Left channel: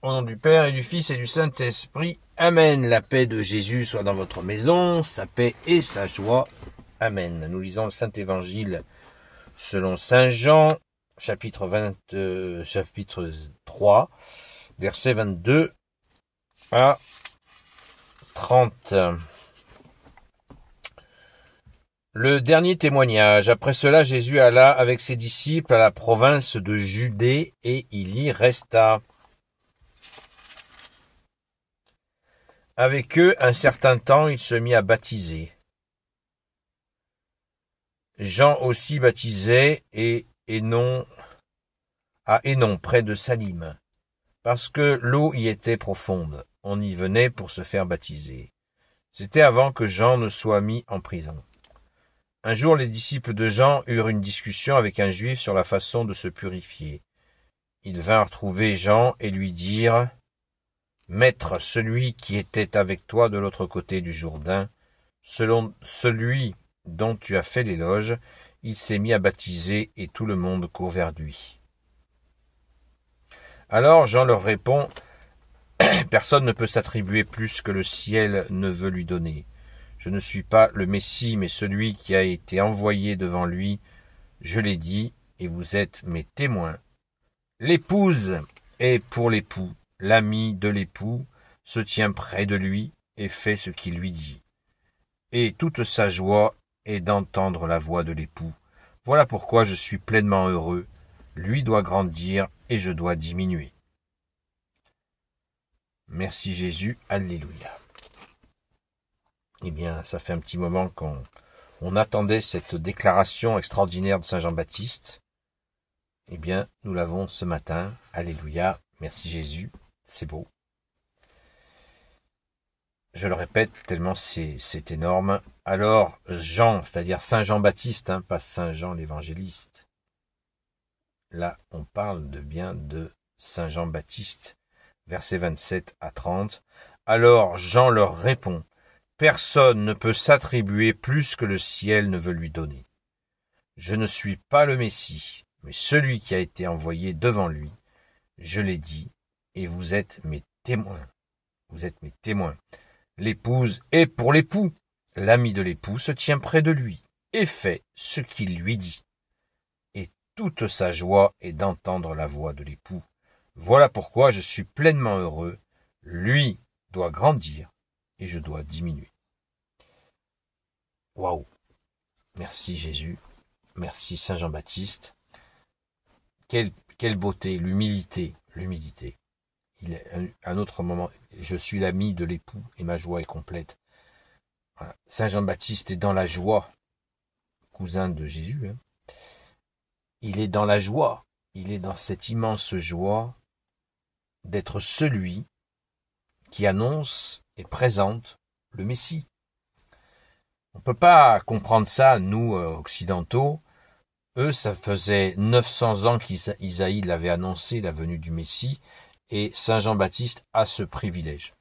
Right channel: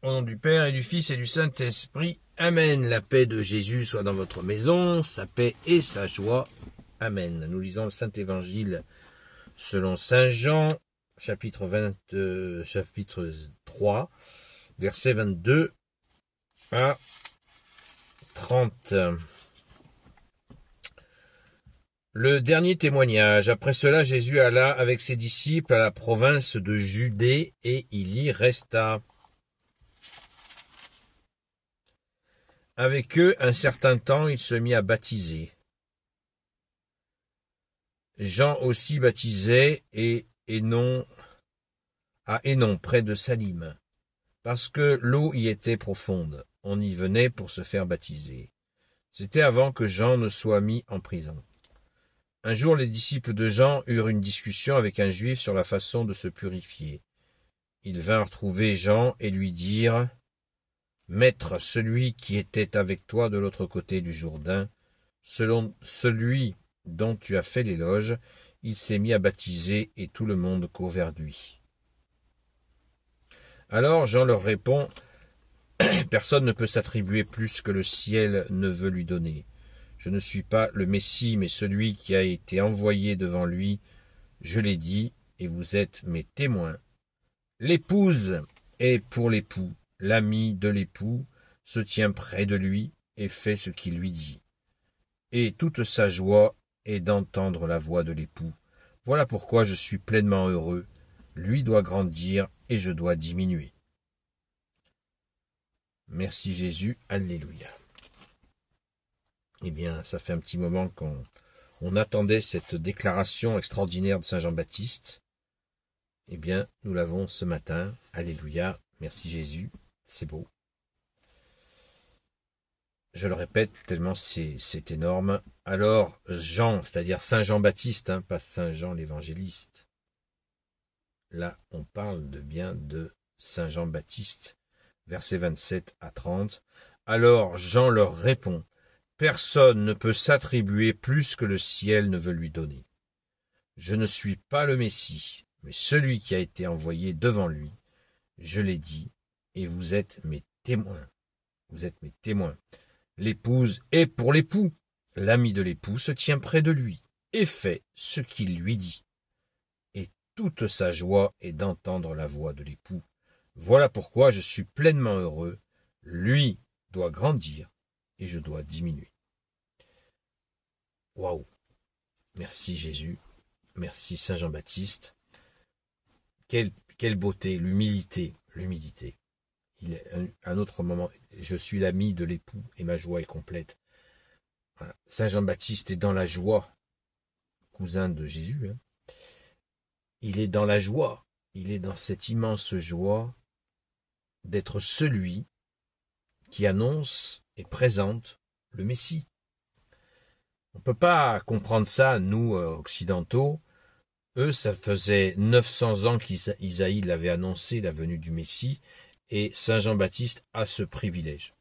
Au nom du Père et du Fils et du Saint-Esprit. Amen. La paix de Jésus soit dans votre maison, sa paix et sa joie. Amen. Nous lisons le Saint-Évangile selon Saint Jean, chapitre 3, versets 22 à 30. Le dernier témoignage. Après cela, Jésus alla avec ses disciples à la province de Judée et il y resta. Avec eux, un certain temps, il se mit à baptiser. Jean aussi baptisait à Hénon, près de Salim, parce que l'eau y était profonde. On y venait pour se faire baptiser. C'était avant que Jean ne soit mis en prison. Un jour, les disciples de Jean eurent une discussion avec un juif sur la façon de se purifier. Ils vinrent trouver Jean et lui dirent « Maître, celui qui était avec toi de l'autre côté du Jourdain, selon celui dont tu as fait l'éloge, il s'est mis à baptiser et tout le monde court vers lui. » Alors Jean leur répond « Personne ne peut s'attribuer plus que le ciel ne veut lui donner. Je ne suis pas le Messie, mais celui qui a été envoyé devant lui. Je l'ai dit, et vous êtes mes témoins. L'épouse est pour l'époux. L'ami de l'époux se tient près de lui et fait ce qu'il lui dit. Et toute sa joie est d'entendre la voix de l'époux. Voilà pourquoi je suis pleinement heureux. Lui doit grandir et je dois diminuer. Merci Jésus, alléluia. Eh bien, ça fait un petit moment qu'on attendait cette déclaration extraordinaire de Saint Jean-Baptiste. Eh bien, nous l'avons ce matin, alléluia, merci Jésus. C'est beau. Je le répète, tellement c'est énorme. Alors, Jean, c'est-à-dire Saint Jean-Baptiste, pas Saint Jean l'évangéliste. Là, on parle bien de Saint Jean-Baptiste, versets 27 à 30. Alors, Jean leur répond, « Personne ne peut s'attribuer plus que le ciel ne veut lui donner. Je ne suis pas le Messie, mais celui qui a été envoyé devant lui. Je l'ai dit. Et vous êtes mes témoins. Vous êtes mes témoins. L'épouse est pour l'époux. L'ami de l'époux se tient près de lui et fait ce qu'il lui dit. Et toute sa joie est d'entendre la voix de l'époux. Voilà pourquoi je suis pleinement heureux. Lui doit grandir et je dois diminuer. » Waouh! Merci Jésus. Merci Saint Jean-Baptiste. Quelle beauté, l'humilité. Il est un autre moment, je suis l'ami de l'époux et ma joie est complète. Voilà. Saint Jean-Baptiste est dans la joie, cousin de Jésus. Il est dans la joie, il est dans cette immense joie d'être celui qui annonce et présente le Messie. On ne peut pas comprendre ça, nous, occidentaux. Eux, ça faisait 900 ans qu'Isaïe l'avait annoncé, la venue du Messie. Et Saint Jean-Baptiste a ce privilège.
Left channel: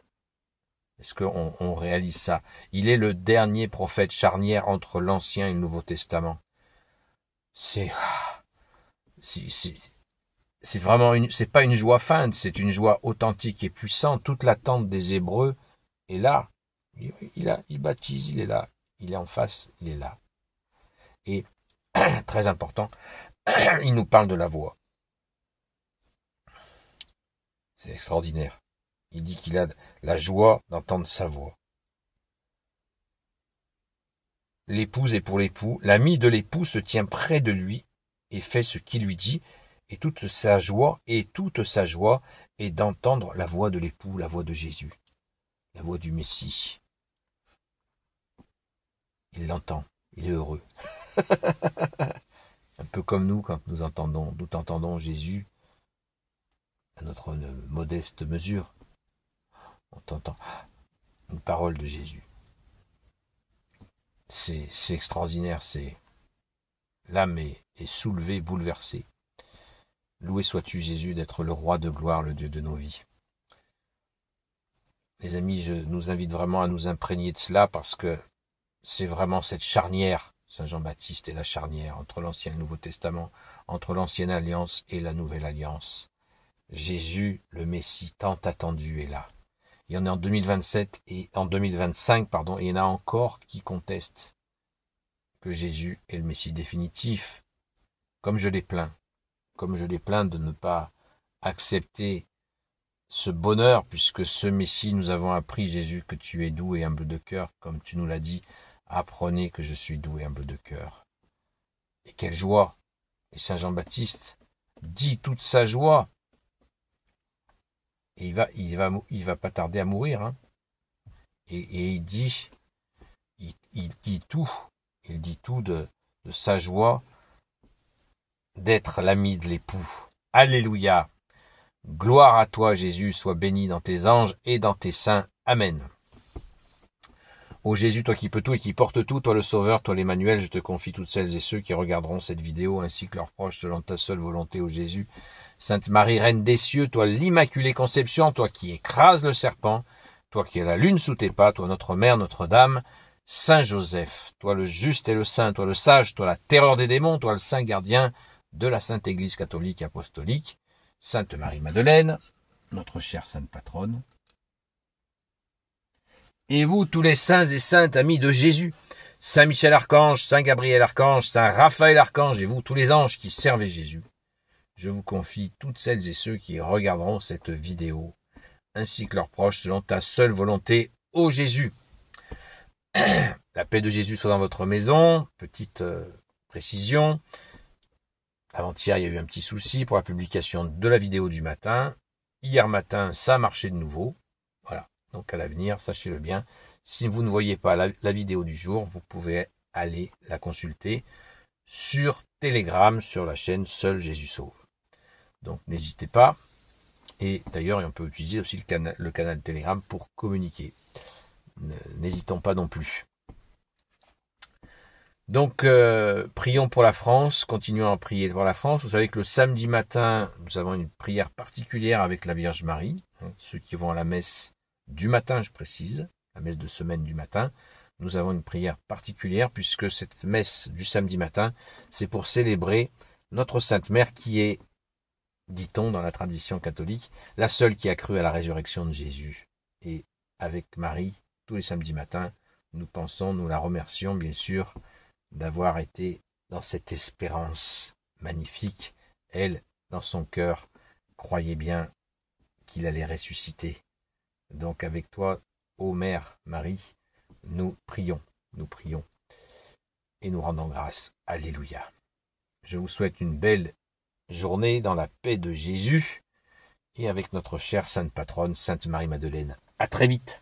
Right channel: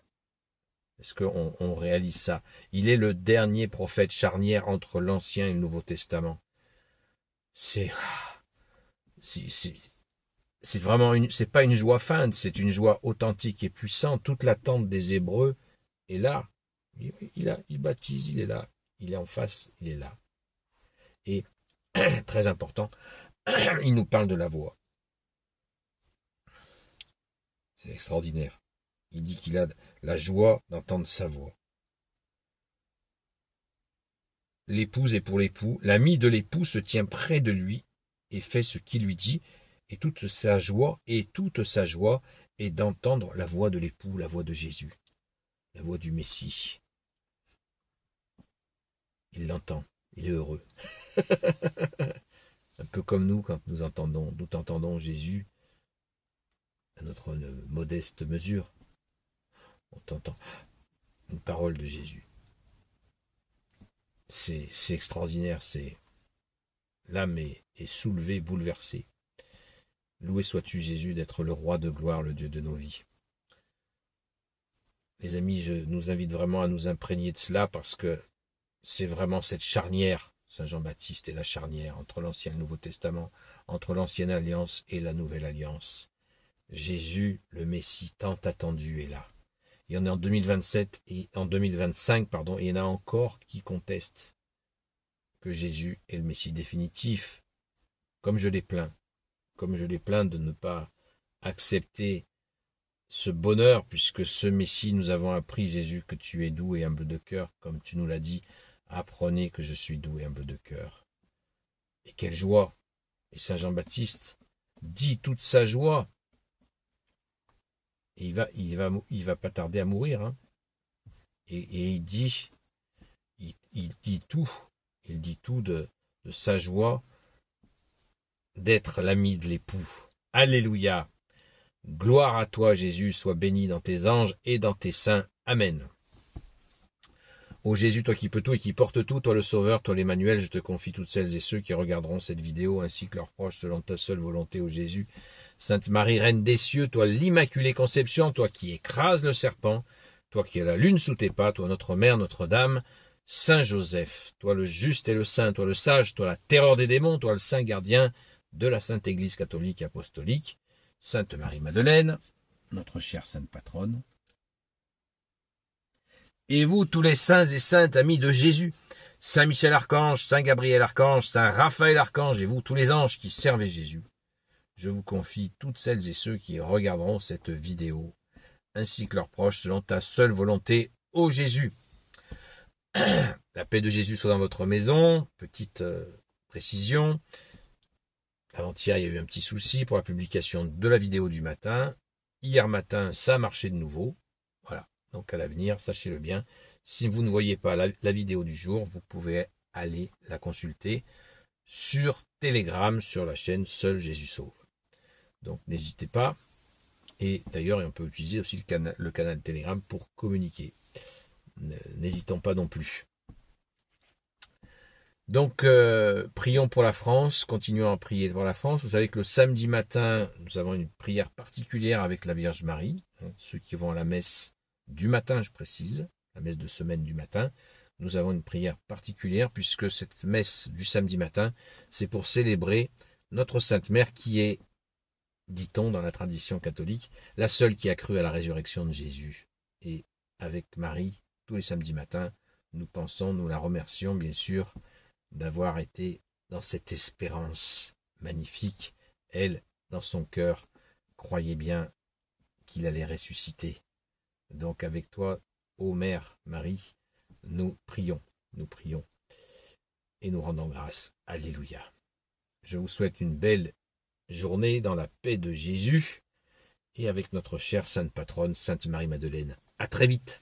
Est-ce qu'on réalise ça? Il est le dernier prophète charnière entre l'Ancien et le Nouveau Testament. C'est vraiment c'est pas une joie feinte, c'est une joie authentique et puissante. Toute l'attente des Hébreux est là. Il baptise, il est là. Il est en face, il est là. Et, très important, il nous parle de la voix. C'est extraordinaire. Il dit qu'il a la joie d'entendre sa voix. L'épouse est pour l'époux. L'ami de l'époux se tient près de lui et fait ce qu'il lui dit. Et toute sa joie est d'entendre la voix de l'époux, la voix de Jésus, la voix du Messie. Il l'entend. Il est heureux. Un peu comme nous quand nous entendons Jésus à notre modeste mesure. On entend une parole de Jésus. C'est extraordinaire, l'âme est soulevée, bouleversée. Loué sois-tu Jésus d'être le roi de gloire, le Dieu de nos vies. Les amis, je nous invite vraiment à nous imprégner de cela parce que c'est vraiment cette charnière. Saint Jean-Baptiste est la charnière entre l'Ancien et le Nouveau Testament, entre l'Ancienne Alliance et la Nouvelle Alliance. Jésus, le Messie tant attendu, est là. Il y en a en 2027 et en 2025, et il y en a encore qui contestent que Jésus est le Messie définitif. Comme je les plains de ne pas accepter ce bonheur, puisque ce Messie, nous avons appris, Jésus, que tu es doux et humble de cœur, comme tu nous l'as dit, apprenez que je suis doux et humble de cœur. Et quelle joie! Et Saint Jean-Baptiste dit toute sa joie. Et il va pas tarder à mourir, hein. Et il dit tout de sa joie d'être l'ami de l'époux. Alléluia! Gloire à toi, Jésus, sois béni dans tes anges et dans tes saints. Amen. Ô Jésus, toi qui peux tout et qui portes tout, toi le Sauveur, toi l'Emmanuel, je te confie toutes celles et ceux qui regarderont cette vidéo, ainsi que leurs proches, selon ta seule volonté, ô Jésus. Sainte Marie, Reine des cieux, toi l'Immaculée Conception, toi qui écrases le serpent, toi qui as la lune sous tes pas, toi notre Mère, Notre-Dame, Saint Joseph, toi le juste et le saint, toi le sage, toi la terreur des démons, toi le saint gardien de la Sainte Église catholique apostolique, Sainte Marie-Madeleine, notre chère Sainte Patronne, et vous, tous les saints et saintes amis de Jésus, Saint Michel Archange, Saint Gabriel Archange, Saint Raphaël Archange, et vous, tous les anges qui servent Jésus, je vous confie toutes celles et ceux qui regarderont cette vidéo, ainsi que leurs proches, selon ta seule volonté, ô Jésus. La paix de Jésus soit dans votre maison. Petite précision. Avant-hier, il y a eu un petit souci pour la publication de la vidéo du matin. Hier matin, ça a marché de nouveau. Voilà. Donc à l'avenir, sachez-le bien. Si vous ne voyez pas la vidéo du jour, vous pouvez aller la consulter sur Telegram, sur la chaîne Seul Jésus Sauve. Donc n'hésitez pas. Et d'ailleurs, on peut utiliser aussi le canal Telegram pour communiquer. N'hésitons pas non plus. Donc, prions pour la France, continuons à prier pour la France. Vous savez que le samedi matin, nous avons une prière particulière avec la Vierge Marie. Ceux qui vont à la messe du matin, je précise, la messe de semaine du matin, nous avons une prière particulière puisque cette messe du samedi matin, c'est pour célébrer notre Sainte Mère qui est, dit-on dans la tradition catholique, la seule qui a cru à la résurrection de Jésus. Et avec Marie, tous les samedis matins, nous la remercions bien sûr d'avoir été dans cette espérance magnifique. Elle, dans son cœur, croyait bien qu'il allait ressusciter. Donc avec toi, ô Mère Marie, nous prions et nous rendons grâce. Alléluia. Je vous souhaite une belle journée dans la paix de Jésus et avec notre chère Sainte Patronne, Sainte Marie-Madeleine. À très vite.